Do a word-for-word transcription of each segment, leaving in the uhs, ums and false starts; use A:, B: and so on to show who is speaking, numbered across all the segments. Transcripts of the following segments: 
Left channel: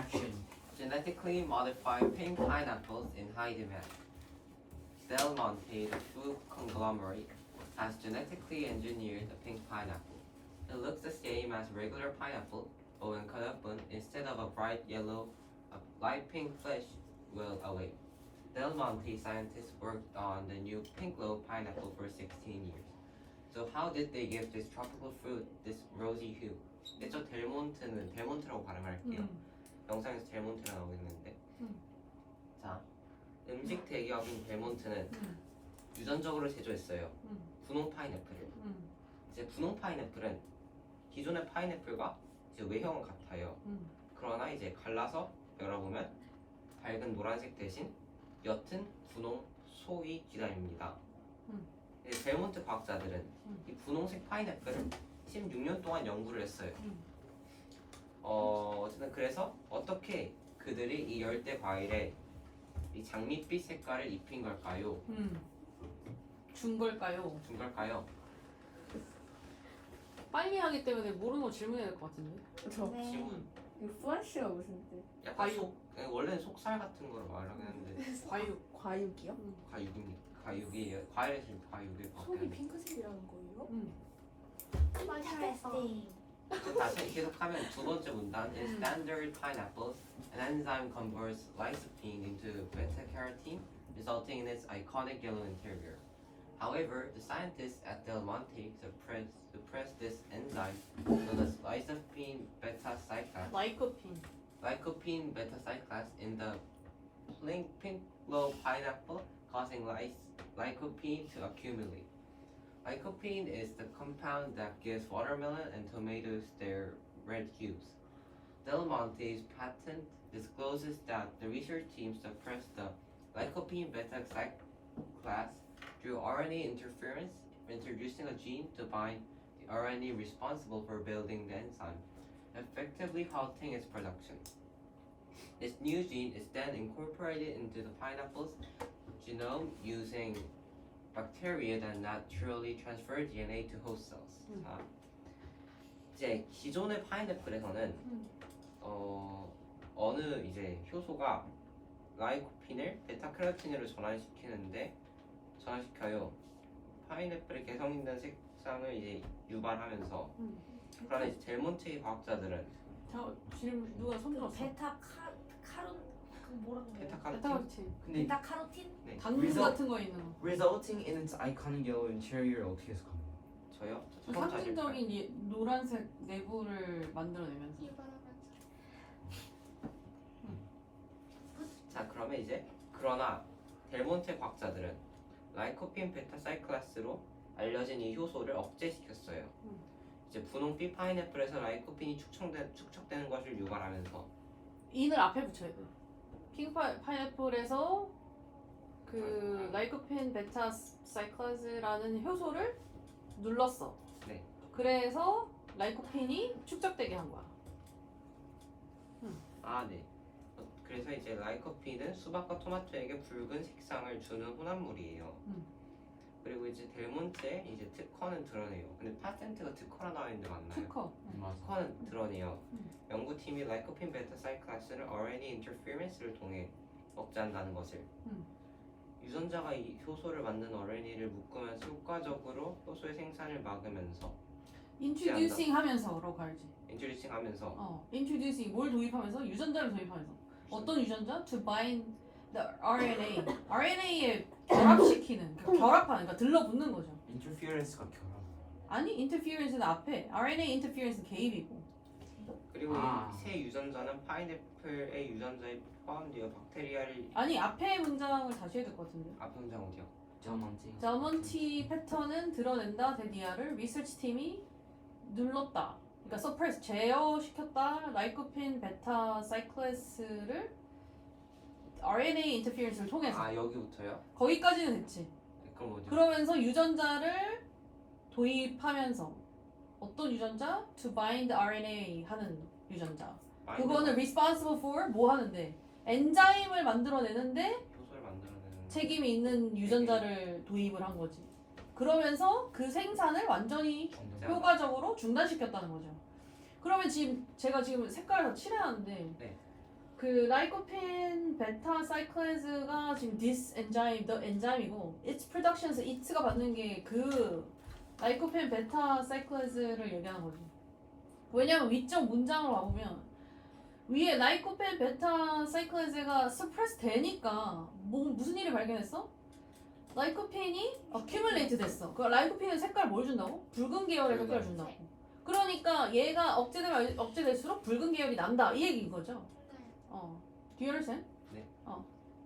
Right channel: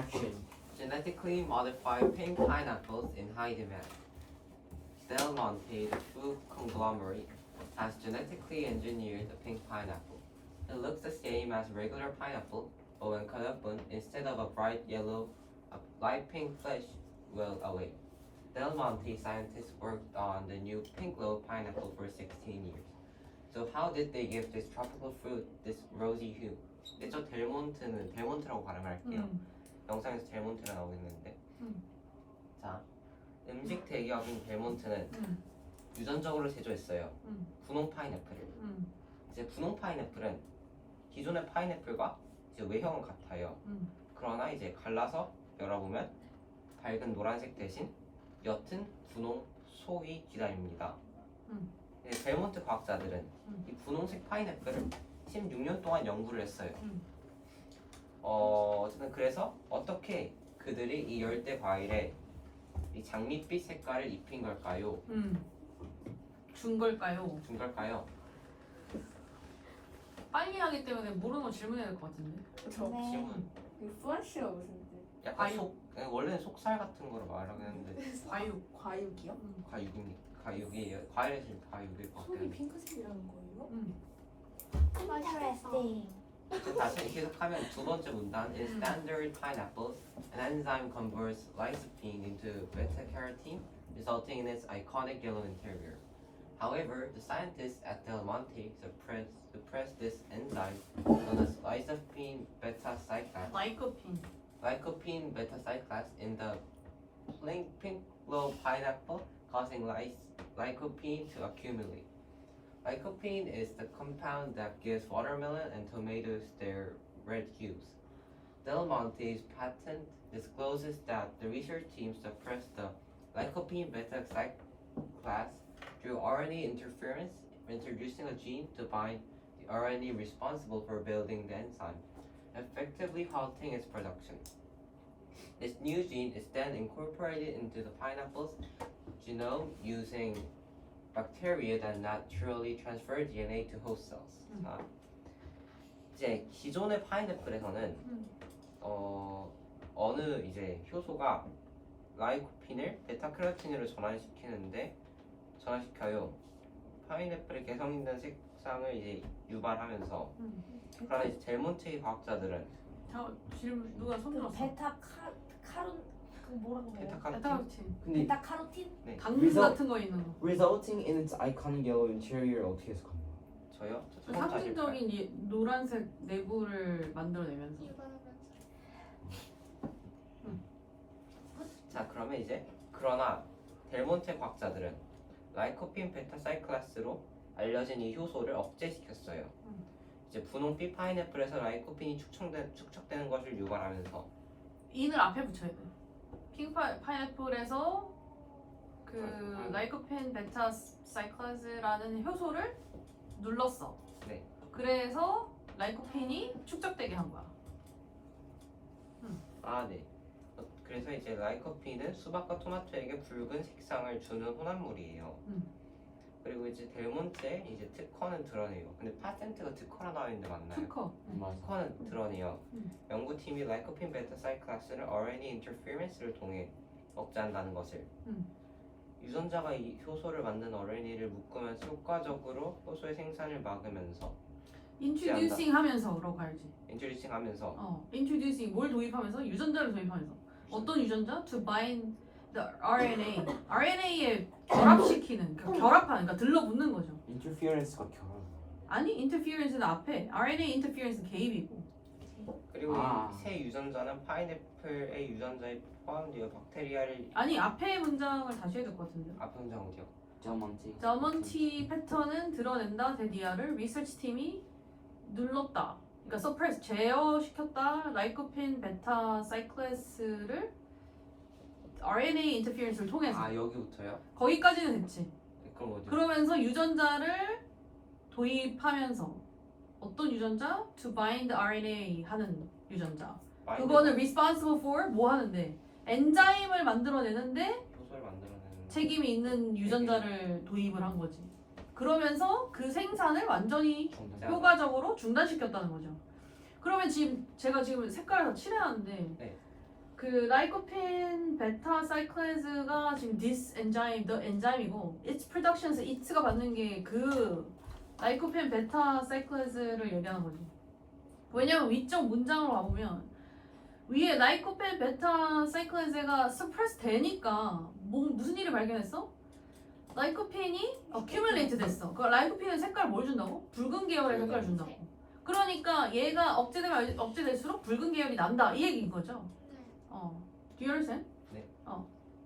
A: Action.
B: Genetically modified pink pineapples in high demand. Del Monte, the food conglomerate, has genetically engineered a pink pineapple. It looks the same as regular pineapple, but when cut open, instead of a bright yellow, a light pink flesh will away. Del Monte scientists worked on the new pink glow pineapple for sixteen years. So how did they give this tropical fruit this rosy hue? 근데 저 델몬트는 델몬트라고 발음할게요.
C: 음.
B: 영상에서 델몬트가 나오고 있는데
C: 음.
B: 자 음식 대기업인 델몬트는
C: 음.
B: 유전적으로 제조했어요.
C: 음.
B: 분홍 파인애플을.
C: 음.
B: 이제 분홍 파인애플은 기존의 파인애플과 이제 외형은 같아요.
C: 음.
B: 그러나 이제 갈라서 열어보면 밝은 노란색 대신 옅은 분홍 속이 기다립니다.
C: 음.
B: 이제 델몬트 과학자들은
C: 음.
B: 이 분홍색 파인애플을 십육 년 동안 연구를 했어요.
C: 음.
B: 어, 어쨌든 그래서 어떻게 그들이 이 열대 과일에 이 장밋빛 색깔을 입힌 걸까요?
C: 음. 준 걸까요?
B: 준 걸까요?
C: 빨리 하기 때문에 모르는 거 질문해야 될 것 같은데.
D: 저
B: 질문.
D: 이거 플래시가 무슨 뜻?
B: 약간
C: 과육.
B: 속 원래는 속살 같은 거로 말하긴 했는데
C: 과육.
D: 과육이요?
C: 음.
B: 과육입니다. 과육이에요. 과일에서 과육일 것
D: 속이
B: 같아요.
D: 핑크색이라는 거예요?
C: 음.
E: Interesting.
B: 다시 계속하면 두 번째 문단 In standard pineapples, an enzyme converts lycopene into beta-carotene, resulting in its iconic yellow interior. However, the scientists at Del Monte suppress, suppress this enzyme known as lycopene beta-cyclase,
C: 라이코핀.
B: lycopene beta-cyclase in the pink, pink glow pineapple, causing lys- lycopene to accumulate. Lycopene is the compound that gives watermelon and tomatoes their red hues. Del Monte's patent discloses that the research team suppressed the lycopene beta-cyclase through R N A interference, introducing a gene to bind the R N A responsible for building the enzyme, effectively halting its production. This new gene is then incorporated into the pineapple's genome using bacteria that naturally transfer D N A to host cells.
C: 음.
B: 자, 이제 기존의 파인애플에서는
C: 음.
B: 어, 어느 이제 효소가 라이코핀을 베타카로틴으로 전환시키는데 전환시켜요. 파인애플의 개성 있는 색상을 이제 유발하면서
C: 음.
B: 그러나 이제 델몬테의 과학자들은
C: 저 질문 누가 손 들었어?
E: 베타 카 카론 그 뭐라고 해요?
B: 베타카로틴
C: 베타카로틴.
A: 근데
E: 베타 카로틴?
B: 네
C: 당근
A: 위서-
C: 같은 거 있는 거.
A: resulting in its iconic yellow interior 어떻게 해석하는 거예요?
B: 저요? 저
C: 그
B: 처음 사실
C: 상징적인 이 노란색 내부를 만들어내면서.
B: 자 그러면 이제 그러나 델몬테 과학자들은 라이코핀 베타사이클라스로 알려진 이 효소를 억제시켰어요.
C: 음.
B: 이제 분홍빛 파인애플에서 라이코핀이 축적된, 축적되는 것을 유발하면서
C: 인을 앞에 붙여야 돼. 핑크 파, 파인애플에서 그
B: 아, 아.
C: 라이코펜 베타 사이클라즈라는 효소를 눌렀어.
B: 네.
C: 그래서 라이코펜이 축적되게 한 거야.
B: 아 네. 어, 그래서 이제 라이코핀은 수박과 토마토에게 붉은 색상을 주는 혼합물이에요.
C: 음.
B: 그리고 이제 델몬테 이제 특허는 드러내요. 근데 파텐트가 특허라 나와 있는데 맞나요?
C: 특허.
A: 맞아.
B: 특허는 드러내요.
C: 음.
B: 연구팀이 라이코핀 베타사이클라스를 R N A 인터페런스를 통해 억제한다는 것을
C: 음.
B: 유전자가 이 효소를 만든 R N A를 묶으면서 효과적으로 효소의 생산을 막으면서
C: 인트로듀싱 하면서라고 알지.
B: 인트로듀싱 하면서
C: 어. 인트로듀싱 뭘 도입하면서 유전자를 도입하면서 어떤 유전자? To bind the R N A. R N A에 결합시키는 그 결합하는 그러니까 들러붙는 거죠.
A: interference가 결혼.
C: 아니 인터피어런스는 앞에 R N A 인터피어런스 개입이고.
B: 그리고
A: 아.
B: 이 새 유전자는 파인애플의 유전자에 포함되어 박테리아를
C: 아니 앞에 문장을 다시 해야 될 것 같은데.
B: 앞에 문장 어디요?
A: 저먼티.
C: 저먼티 패턴은 드러낸다 데디아를 리서치 팀이 눌렀다. 그러니까 서프레스 제어시켰다. 라이코펜 베타 사이클레스를 R N A 인터피어런스를 통해서
B: 아 여기부터요?
C: 거기까지는 됐지.
B: 네, 그럼 어디?
C: 그러면서 유전자를 도입하면서 어떤 유전자? To bind R N A 하는 유전자. 그거는 responsible for 뭐 하는데 엔자임을 만들어내는데
B: 효소를 만들어내는
C: 책임이 있는 유전자를 도입을 한 거지. 그러면서 그 생산을 완전히
A: 정답.
C: 효과적으로 중단시켰다는 거죠. 그러면 지금 제가 지금 색깔을 다 칠해놨는데
B: 네.
C: 그 라이코펜 베타 사이클레즈가 지금 this enzyme, the enzyme이고 its production에서 it가 받는 게 그 라이코펜 베타 사이클레즈를 얘기하는 거지. 왜냐면 위쪽 문장으로 가보면 위에 라이코펜 베타 사이클레즈가 suppress 되니까 뭐 무슨 일을 발견했어? 라이코펜이 accumulate 됐어. 그 라이코펜은 색깔 뭘 준다고? 붉은 계열의 색깔 준다고. 그러니까 얘가 억제되면 억제될수록 붉은 계열이 난다 이 얘기인 거죠. 어. Do you understand?
B: 네.
C: 어.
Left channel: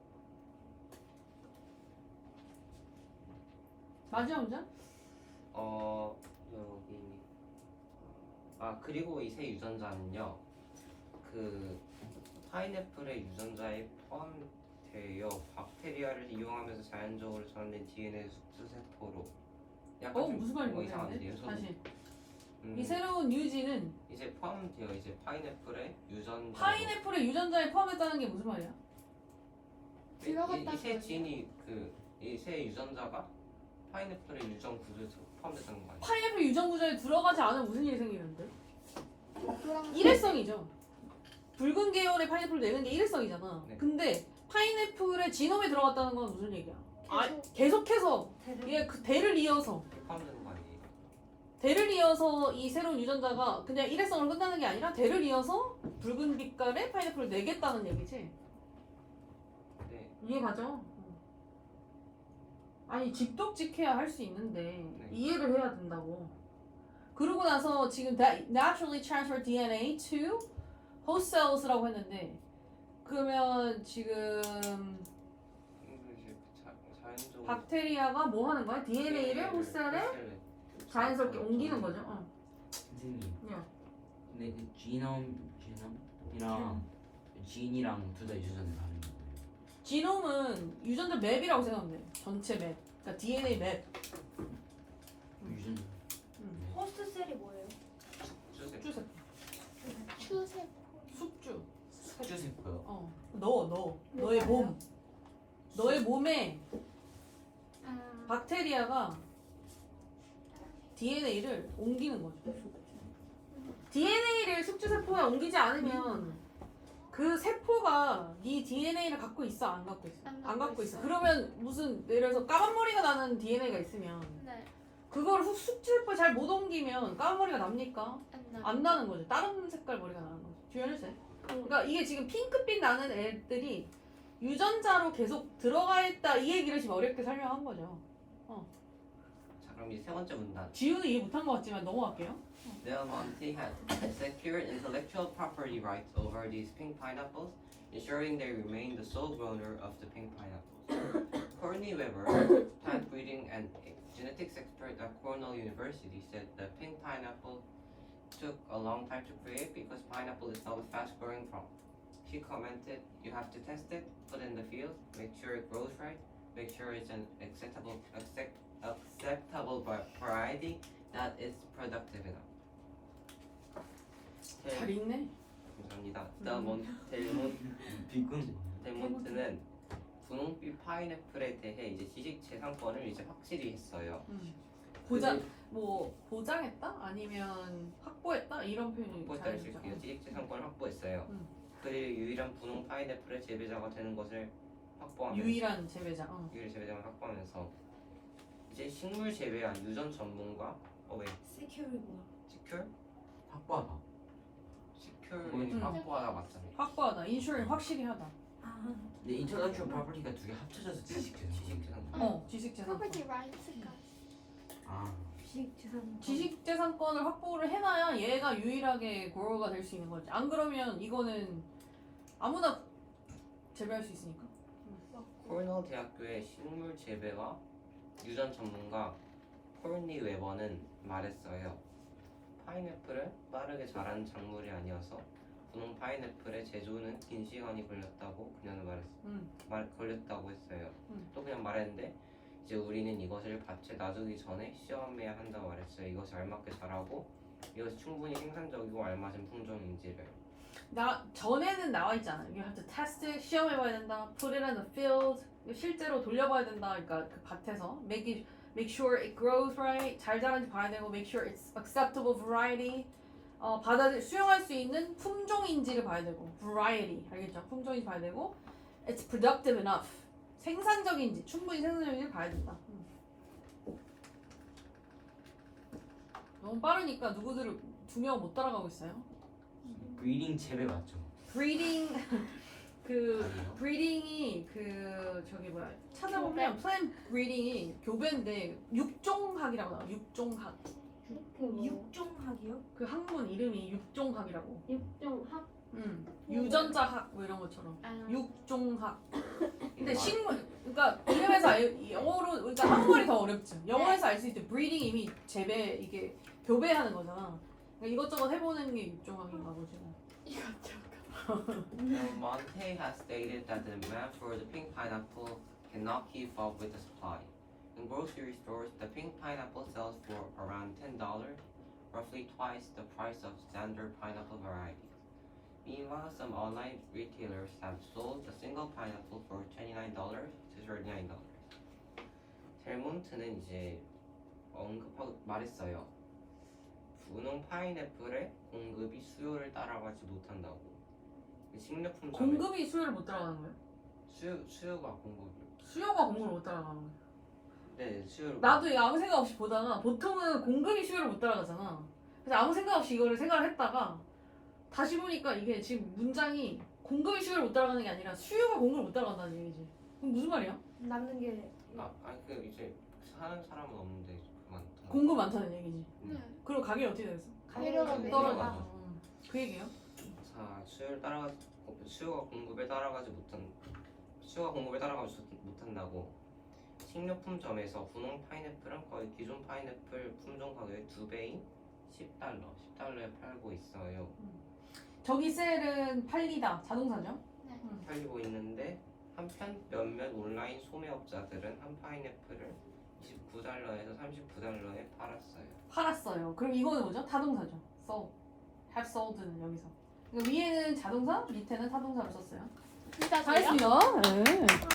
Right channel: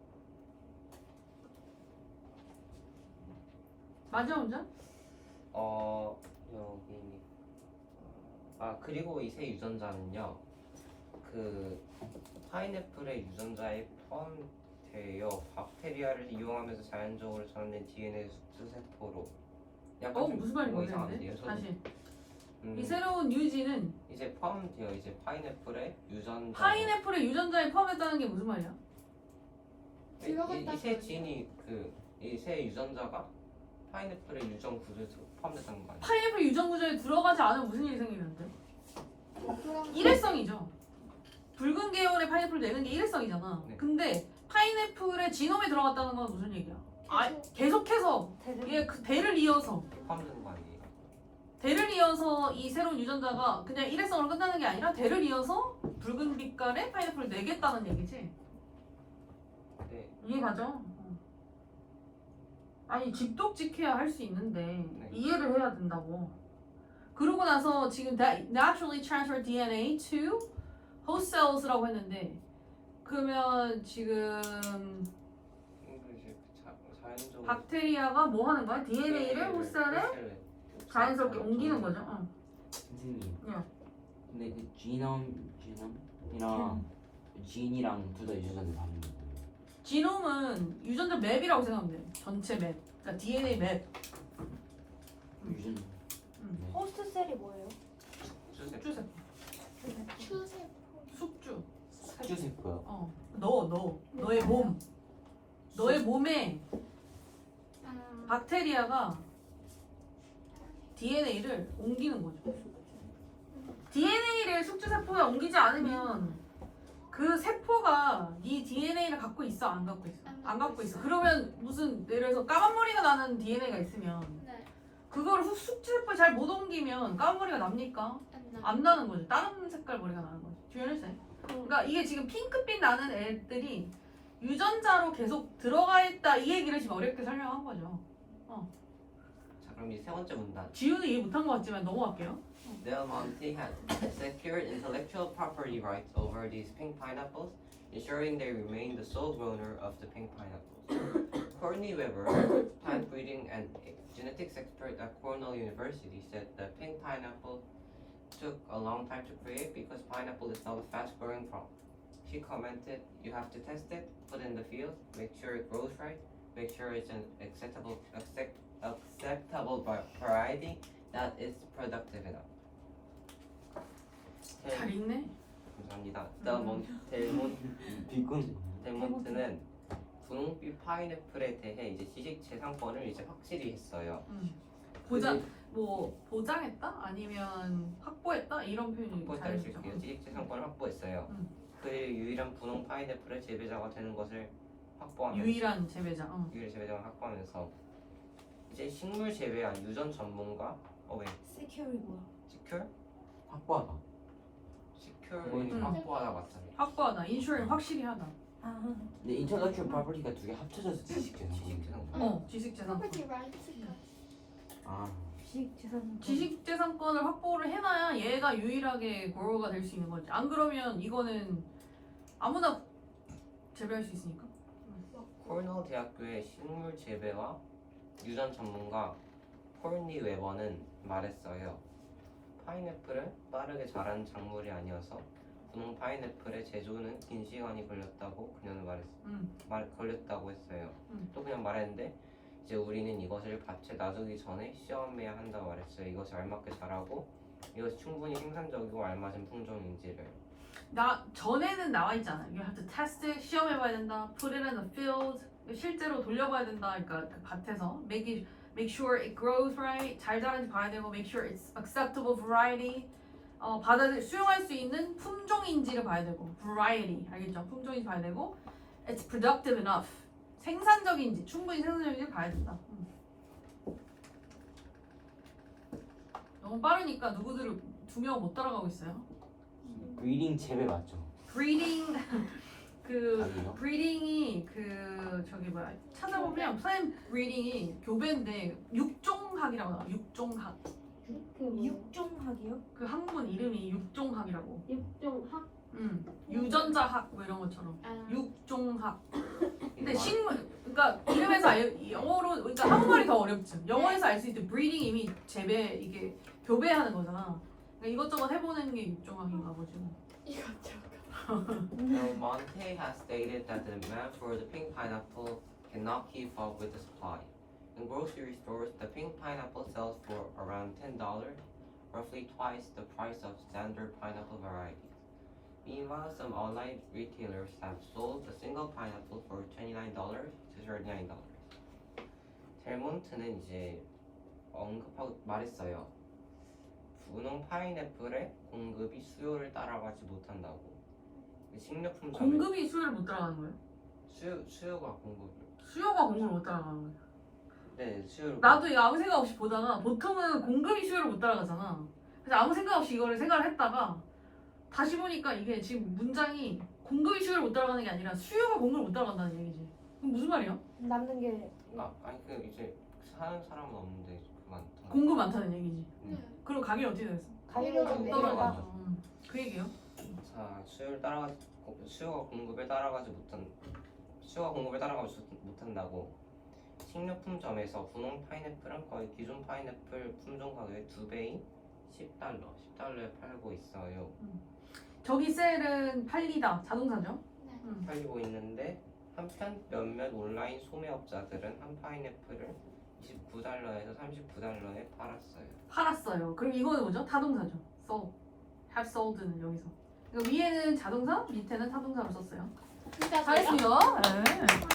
C: 마지막 문장?
B: 어 여기 아 그리고 이 새 유전자는요 그 파인애플의 유전자에 포함되어 박테리아를 이용하면서 자연적으로 전환된 디엔에이 숙주세포로 약간
C: 어
B: 좀
C: 무슨 말인지
B: 뭐
C: 모르겠는데.
B: 이상한데요. 저도
C: 다시.
B: 음,
C: 이 새로운 뉴지는
B: 이제 포함되어 이제 파인애플의 유전자
C: 파인애플의 유전자에 포함했다는 게 무슨 말이야?
E: 들어갔다는
B: 이새
E: 거지.
B: 진이 그 이 새 유전자가 파인애플의 유전 구조에서 포함됐다는 거 아니에요?
C: 파인애플 유전 구조에 들어가지 않으면 무슨 일이 생기면 안 돼?
E: 그럼
C: 일회성이죠. 붉은 계열의 파인애플 내는 게 일회성이잖아.
B: 네.
C: 근데 파인애플의 지놈에 들어갔다는 건 무슨 얘기야? 아,
E: 계속
C: 계속해서
E: 대를
C: 이게 그 대를 이어서
B: 포함되는 거 아니에요?
C: 대를 이어서 이 새로운 유전자가 그냥 일회성으로 끝나는 게 아니라 대를 이어서 붉은 빛깔의 파인애플을 내겠다는 얘기지.
B: 네.
C: 이해가죠? 아니 직독직해야 할 수 있는데
B: 네.
C: 이해를 해야 된다고. 그러고 나서 지금 that naturally transfer 디엔에이 to host cells라고 했는데 그러면 지금
B: 이거 이제 그 자, 자연적으로
C: 박테리아가 뭐 하는 거야? 디엔에이를 호스셀에 자연스럽게 옮기는 거죠. 어.
A: 선생님.
C: 야.
A: 근데 그 지놈 지놈이랑 진이랑 둘 다 유전자는 다른 거예요.
C: 지놈은 유전자 맵이라고 생각하면 돼. 전체 맵. 그러니까 디엔에이 맵.
A: 유전.
C: 음.
A: 네.
E: 호스트 셀이 뭐예요?
C: 숙주세포.
E: 추세포.
C: 숙주.
A: 숙주세포요.
C: 어. 너, 너. 너의 몸. 너의 몸에
E: 아,
C: 박테리아가 디엔에이를 옮기는 거죠. 디엔에이를 숙주세포에 옮기지 않으면 그 세포가 네 디엔에이를 갖고 있어? 안 갖고 있어?
E: 안
C: 안
E: 갖고
C: 갖고 있어.
E: 있어요.
C: 그러면 무슨 예를 들어서 까만 머리가 나는 디엔에이가 있으면
E: 네.
C: 그걸 후- 숙주세포에 잘 못 옮기면 까만 머리가 납니까?
E: 안 나.
C: 안 나는 거죠. 다른 색깔 머리가 나는 거죠. 주연했어요. 그러니까 이게 지금 핑크빛 나는 애들이 유전자로 계속 들어가 있다 이 얘기를 지금 어렵게 설명한 거죠.
B: 자 그럼 이 세 번째 문단.
C: 지우는 이해 못한 것 같지만 넘어갈게요.
B: Del Monte had secured intellectual property rights over these pink pineapples, ensuring they remain the sole owner of the pink pineapples. Courtney Weber, plant breeding and genetics expert at Cornell University, said the pink pineapple took a long time to create because pineapple is not a fast-growing crop. She commented, "You have to test it, put it in the field, make sure it grows right, make sure it's an acceptable accept, acceptable va- variety that is productive enough."
C: 잘 읽네.
B: 감사합니다. 델몬 델몬
A: 비군.
B: 델몬트는 분홍빛 파인애플에 대해 이제 지식재산권을 이제 확실히 했어요.
C: 음. 보장 뭐 보장했다 아니면 확보했다 이런 표현이
B: 확보했다를
C: 잘
B: 쓸게요.
C: 쓰죠.
B: 지식재산권을 확보했어요.
C: 음.
B: 그의 유일한 분홍 파인애플의 재배자가 되는 것을 확보하면서
C: 유일한 재배자. 어.
B: 유일 재배자를 확보하면서 이제 식물 재배와 유전 전문가 어왜
E: 세큐리 뭐야?
B: 시큐어
A: 확보하다.
B: 시큐어는
C: 음.
B: 확보하다 맞잖아요.
C: 확보하다. 인슈렌 확실히 하다.
E: 아,
A: 근데 인터렉츄얼 프로퍼티가 두 개 합쳐져서 지식재산.
B: 지식재산권.
C: 어, 지식재산.
E: 프로퍼티 라이트가
A: 아.
E: 주식 재산.
C: 지식재산권을 확보를 해놔야 얘가 유일하게 고로가 될 수 있는 거지. 안 그러면 이거는 아무나 재배할 수 있으니까.
B: 코르넬 대학교의 식물 재배와 유전 전문가 콜니 웨버는 말했어요. 파인애플은 빠르게 자라는 작물이 아니어서 분홍 파인애플의 제조는 긴 시간이 걸렸다고 그녀는 말했어.
C: 음.
B: 말 걸렸다고 했어요.
C: 음.
B: 또 그냥 말했는데 이제 우리는 이것을 밭에 놔두기 전에 시험해야 한다고 말했어요. 이것이 알맞게 자라고 이것이 충분히 생산적이고 알맞은 품종인지를.
C: 나 전에는 나와 있잖아. You have to test it, 시험해봐야 된다. Put it in the field, 실제로 돌려봐야 된다. 그러니까 그 밭에서 make it, make sure it grows right, 잘 자라는지 봐야 되고, make sure it's acceptable variety. 어, 어, 받아 수용할 수 있는 품종인지를 봐야 되고 variety 알겠죠? 품종인지 봐야 되고 it's productive enough 생산적인지 충분히 생산적인지 봐야 된다. 음. 너무 빠르니까 누구들을 두 명 못 따라가고 있어요.
A: 브리딩 재배 맞죠?
C: breeding 그
A: 아니요.
C: breeding이 그 저기 뭐야 찾아보면 plant breeding이 교배인데 육종학이라고 나와. 육종학
E: 그 육종학이요?
C: 그 학문 이름이 육종학이라고.
E: 육종학?
C: 음 유전자학 뭐 이런 것처럼
E: 아.
C: 육종학. 근데
B: 이거
C: 식물 그러니까 이름에서 알, 영어로 그러니까 한국말이 더 어렵죠. 영어에서 알 수 있듯 breeding 이미 재배 이게 교배하는 거잖아. 그러니까 이것저것 해보는 게 육종학인가 보지.
B: Now, Monte has stated that the demand for the pink pineapple cannot keep up with the supply. In grocery stores, the pink pineapple sells for around ten dollars, roughly twice the price of standard pineapple varieties. Meanwhile, some online retailers have sold a single pineapple for twenty-nine dollars to thirty-nine dollars. 델몬트는 이제 언급하고 말했어요. 분홍 파인애플의 공급이 수요를 따라가지 못한다고. 식료품 점에
C: 공급이 수요를 못 따라가는 거예요.
B: 수요 수요가 공급을.
C: 수요가 공급을 못 따라가는 거예요.
B: 네, 수요를.
C: 나도 이거 아무 생각 없이 보다가 보통은 공급이 수요를 못 따라가잖아. 그래서 아무 생각 없이 이거를 생각을 했다가 다시 보니까 이게 지금 문장이 공급이 수요를 못 따라가는 게 아니라 수요가 공급을 못 따라간다는 얘기지. 그럼 무슨 말이야?
E: 남는 게
B: 아, 아니 그 이제 사는 사람은 없는데 그만.
C: 공급 많다는 얘기지.
B: 음.
C: 그리고 가격이 어떻게 됐어?
E: 가격이
B: 떨어져.
E: 내려가.
C: 음, 그 얘기요?
B: 자, 수요를 따라가 수요가 공급을 따라가지 못한 수요가 공급을 따라가지 못한다고. 식료품점에서 분홍 파인애플은 거의 기존 파인애플 품종 가격의 두 배인 십 달러, 십 달러에 팔고 있어요.
C: 저기 셀은 팔리다 자동사죠? 음.
B: 팔리고 있는데 한편 몇몇 온라인 소매업자들은 한 파인애플을 이십구 달러에서 삼십구 달러에 팔았어요.
C: 팔았어요. 그럼 이거는 뭐죠? 타동사죠. sold. have sold는 여기서. 그러니까 위에는 자동사, 밑에는 타동사를 썼어요.
E: 진짜
C: 잘했습니다. 네.